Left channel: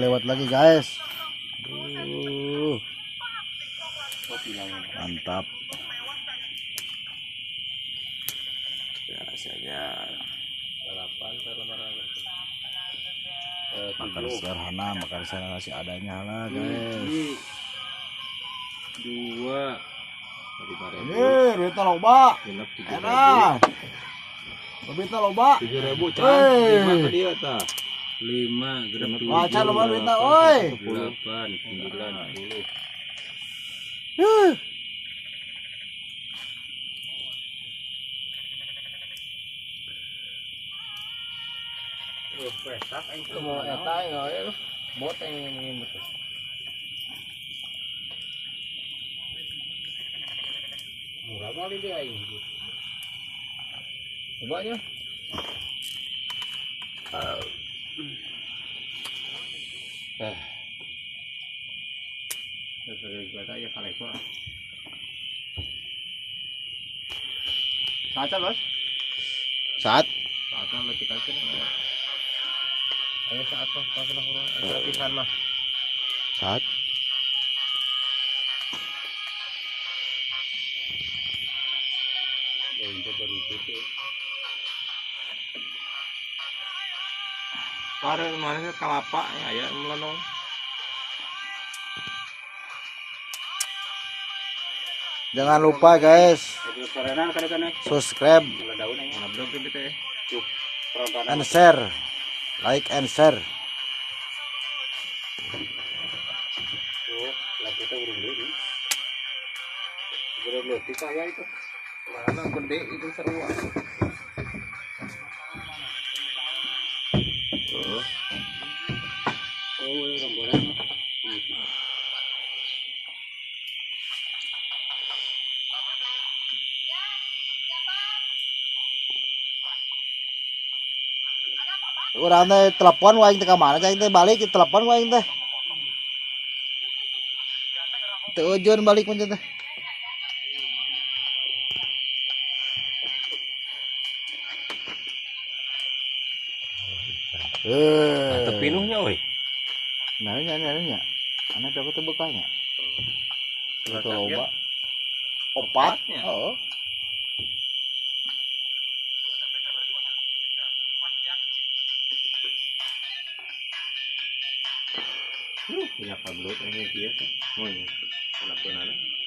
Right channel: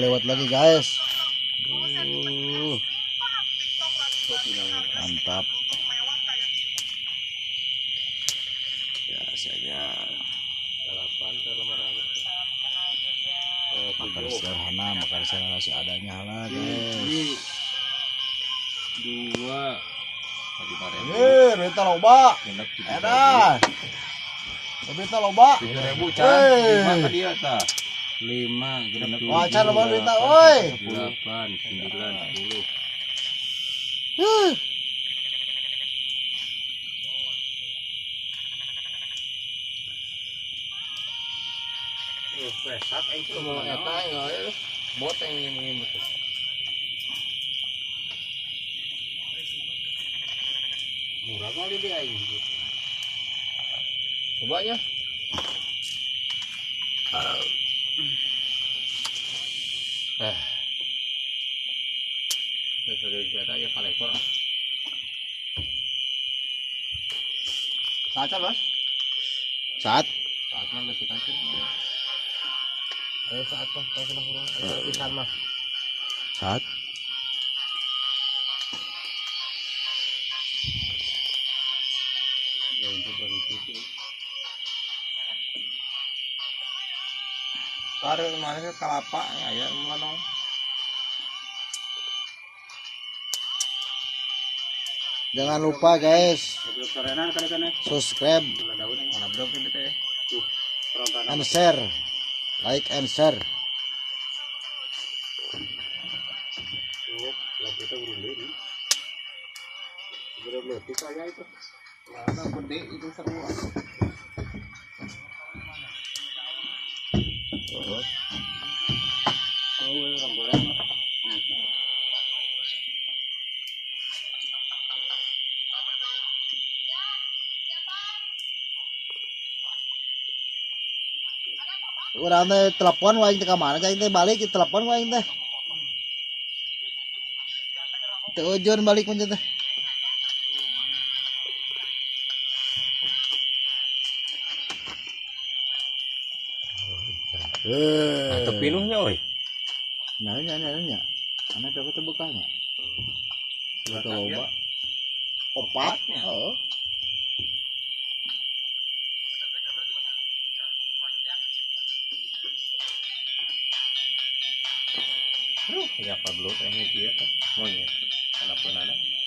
Lewat lagi guys. Mantap. Ya saja. Makan sederhana, makan sederhana seadanya lah guys. 2 Berita loba. Edan. Berita loba. 7.000 can. 5 dia tah. 5 genep 7. Wacar loba berita oi. 8 9 10. Pesak aing mau eta ya bot yang betul. Murah kali dia aing. Coba aja. Dari kata ya kali kok. Saat Bos? Saat Saatnya masih kasih. Ayo saat Bos, kasih lah pisan mah. saat Karen mana kelapa aya melenong. jangan lupa guys subscribe and share, like and share. Kita urung deh nih. Bener-bener saya itu. Mana gede itu seru. Urang teh telepon waing teh ka mana cai teh balik telepon waing teh. Teu ujon balik mun teh. Mantep pinuhnya euy. Nah nya. Anak dapat teu bekahnya. Itu loba. Opat. Heeh. Ya Pablo ini dia kan. Mau ya. Kenapa nana?